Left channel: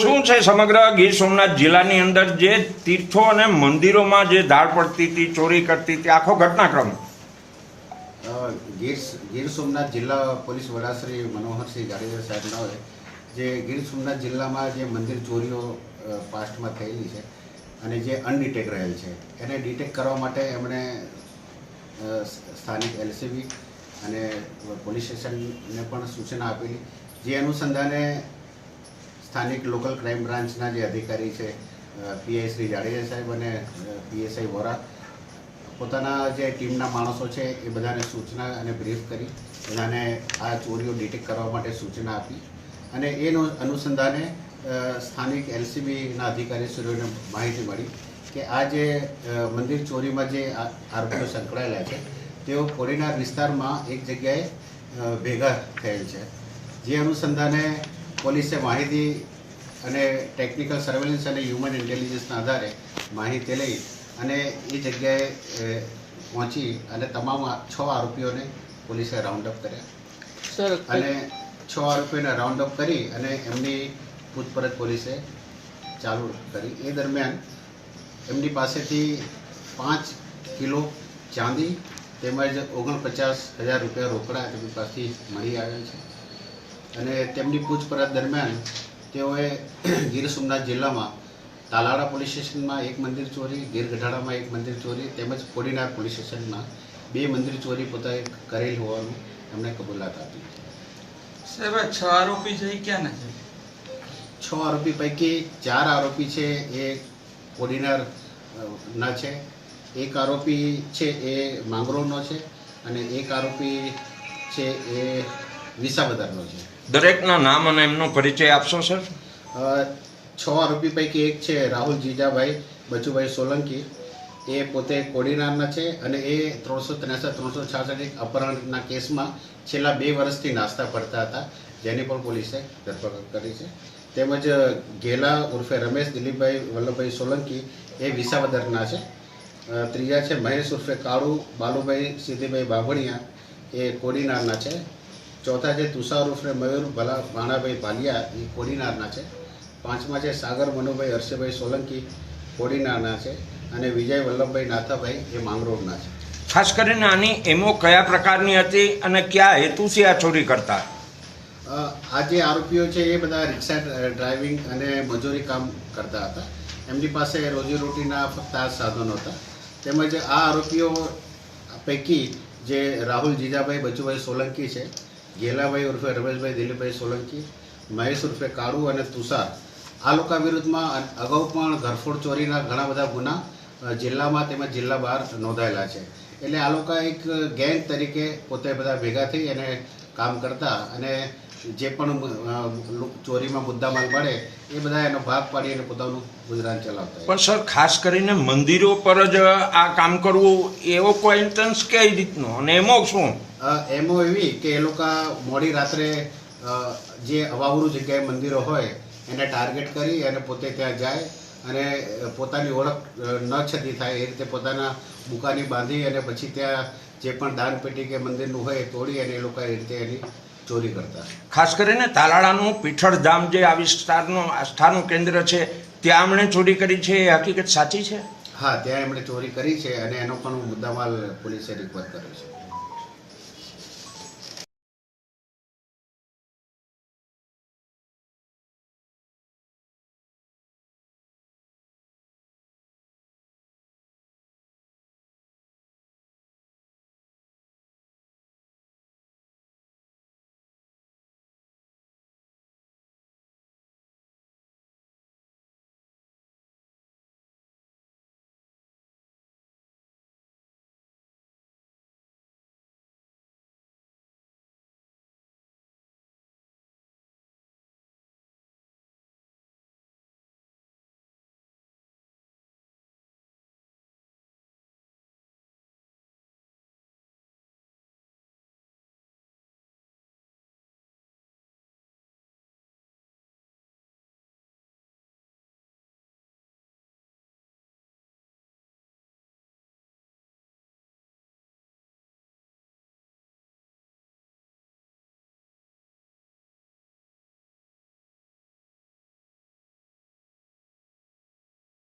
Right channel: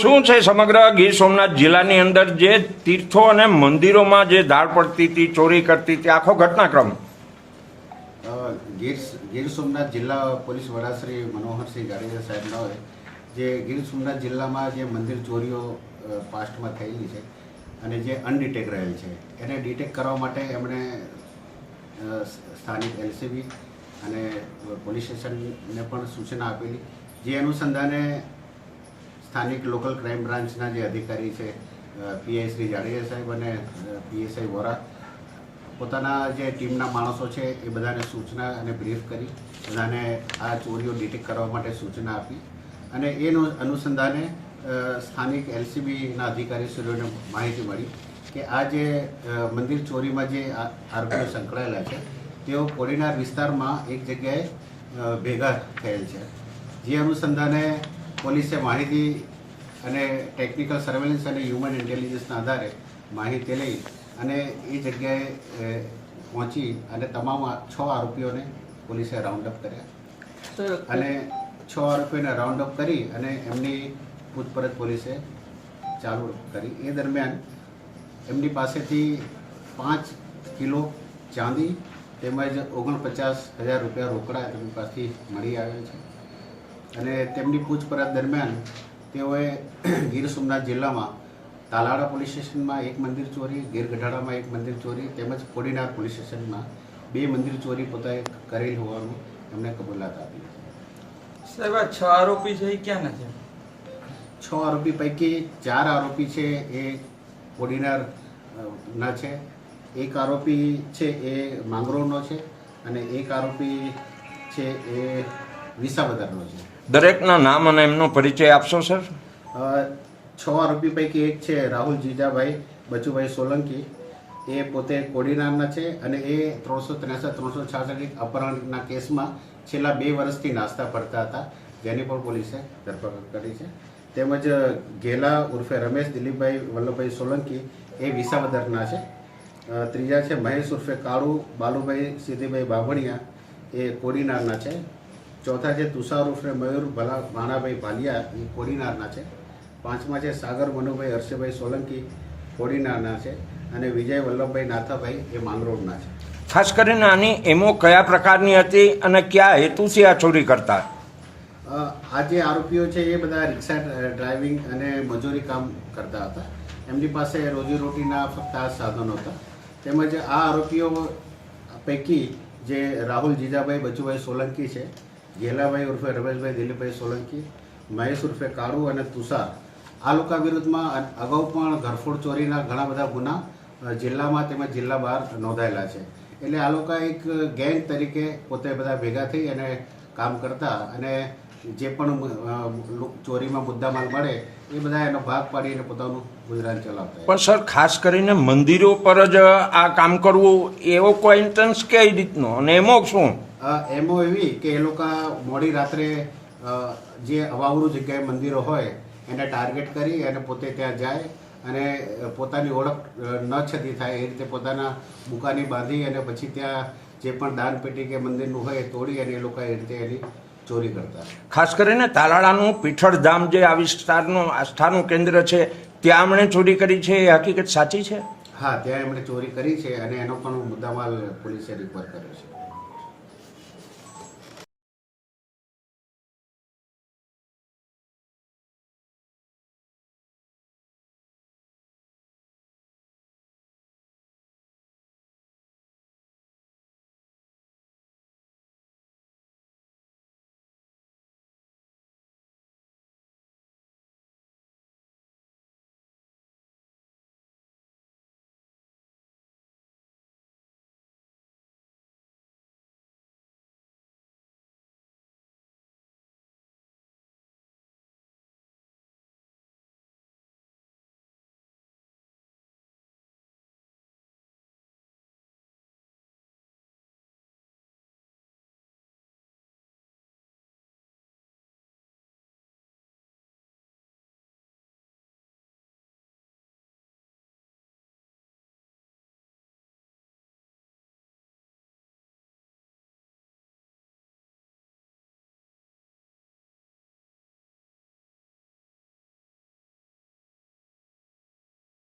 શું છે સમગ્ર ગીર સોમનાથ જિલ્લાની અંદર જે તીર્થો અને મંદિરોમાં જે દાળ પડતી હતી, ચોરી કરતી હતી, આખો ઘટનાક્રમ? ગીર ગીર સોમનાથ જિલ્લા પોલીસ વડા શ્રી મનોહરસિંહ જાડેજા સાહેબનાઓએ જે ગીર સોમનાથ જિલ્લામાં જે મંદિર ચોરીઓ પાસ્ટમાં થયેલી છે અને જે અનડિટેક રહેલ છે, એને ડિટેક કરવા માટે એમણે સ્થાનિક એલસીબી અને પોલીસ સ્ટેશનને પણ સૂચના આપેલી, જે અનુસંધાને સ્થાનિક લોકલ ક્રાઇમ બ્રાન્ચના જે અધિકારી છે પીઆઈ શ્રી જાડેજા સાહેબ અને પીએસઆઈ વોરા, પોતાના જે ટીમના માણસો છે એ બધાને સૂચના અને બ્રીફ કરી, બધાને આ ચોરીઓ ડિટેક્ટ કરવા માટે સૂચના આપી અને એનું અનુસંધાને સ્થાનિક એલસીબીના અધિકારીશ્રીઓને માહિતી મળી કે આ જે મંદિર ચોરીમાં જે આરોપીઓ સંકળાયેલા છે, તેઓ કોડીનાર વિસ્તારમાં એક જગ્યાએ ભેગા થયેલ છે. જે અનુસંધાને પોલીસે માહિતી અને ટેકનિકલ સર્વેલન્સ અને હ્યુમન ઇન્ટેલિજન્સના આધારે માહિતી લઈ અને એ જગ્યાએ પહોંચી અને તમામ છ આરોપીઓને પોલીસે રાઉન્ડ અપ કર્યા. સર અને છ આરોપીઓને રાઉન્ડ અપ કરી અને એમની પૂછપરછ પોલીસે ચાલુ કરી. એ દરમિયાન એમની પાસેથી પાંચ કિલો ચાંદી તેમજ ઓગણપચાસ હજાર રૂપિયા રોકડા તેમની પાસેથી મળી આવ્યા છે. અને તેમની પૂછપરછ દરમિયાન તેઓએ ગીર સોમનાથ જિલ્લામાં તાલાળા પોલીસ સ્ટેશનમાં એક મંદિર ચોરી ગીર ગઢાડામાં એક મંદિર ચોરી તેમજ કોડીનાર પોલીસ સ્ટેશનમાં બે મંદિર ચોરી પોતાએ કરેલ હોવાનું એમણે કબૂલાત આપી. સાહેબ આ છ આરોપી છે એ ક્યાંના છે? છ આરોપી પૈકી ચાર આરોપી છે એ કોડીનાર ના છે. એક આરોપી છે એ માંગરોળનો છે અને એક આરોપી છે એ વિસાવદરનો છે. દરેકના નામ અને એમનો પરિચય આપશો, સર? છ આરોપી પૈકી એક છે રાહુલ જીજાભાઈ, બચુભાઈ સોલંકી. એ પોતે કોડીનારના છે અને એ ત્રણસો ત્રેસઠ, ત્રણસો છાસઠ અપહરણના કેસમાં છેલ્લા બે વર્ષથી નાસ્તા ફરતા હતા, જેની પણ પોલીસે ધરપકડ કરી છે. તેમજ ઘેલા ઉર્ફે રમેશ, દિલીપભાઈ, વલ્લભભાઈ સોલંકી એ વિસાવદરના છે. ત્રીજા છે મહેશ ઉર્ફે કાળુ, બાલુભાઈ સિદ્ધિભાઈ બાભણિયા એ કોડીનારના છે. ચોથા છે તુષાર ઉર્ફે મયુર ભલા ભાણાભાઈ ભાલિયા એ કોડીનારના છે. પાંચમા છે સાગર મનુભાઈ હર્ષભાઈ સોલંકી કોડીનારના છે અને વિજય વલ્લભભાઈ નાથાભાઈ એ માંગરોળના છે. ખાસ કરીને આની એમો કયા પ્રકારની હતી અને કયા હેતુથી આ ચોરી કરતા? આ જે આરોપીઓ છે એ બધા રિક્ષા ડ્રાઇવિંગ અને મજૂરી કામ કરતા હતા. એમની પાસે રોજીરોટીના ફક્ત આ સાધનો હતા. તેમજ આ આરોપીઓ પૈકી જે રાહુલ જીજાભાઈ બચુભાઈ સોલંકી છે ગેલાભાઈ ઉર્ફે રમેશભાઈ દિલીપભાઈ સોલંકી, મહેશ ઉર્ફે કાળુ અને તુષાર. આ લોકો વિરુદ્ધમાં અગાઉ પણ ઘરફોડ ચોરીના ઘણા બધા ગુના જિલ્લામાં તેમજ જિલ્લા બહાર નોંધાયેલા છે. એટલે આ લોકો એક ગેંગ તરીકે પોતે બધા ભેગા થઈ અને કામ કરતા અને જે પણ ચોરીમાં મુદ્દામાલ મળે, એ બધા એનો ભાગ પાડી અને પોતાનું ગુજરાન ચલાવતા પણ સર, ખાસ કરીને મંદિરો પર જ આ કામ કરવું એવો કોઈ ઇન્ટન્સ કઈ રીતનો? અને એમો શું? એમો એવી કે એ લોકો મોડી રાત્રે જે અવાવરું જગ્યાએ મંદિરો હોય એને ટાર્ગેટ કરી અને પોતે ત્યાં જાય અને પોતાની ઓળખ ન છતી થાય એ રીતે પોતાના બુકાની બાંધી અને પછી ત્યાં જે પણ દાન પેટી કે મંદિરનું હોય એ તોડી અને એ લોકો એ રીતે એની ચોરી કરતા. ખાસ કરીને તાલાળાનું પીઠળધામ જે આ વિસ્તારનું આસ્થાનું કેન્દ્ર છે ત્યાં એમણે ચોરી કરી છે એ હકીકત સાચી છે? હા ત્યાં એમણે ચોરી કરી છે અને એનો પણ મુદ્દામાલ પોલીસે રિકવર કર્યો છે.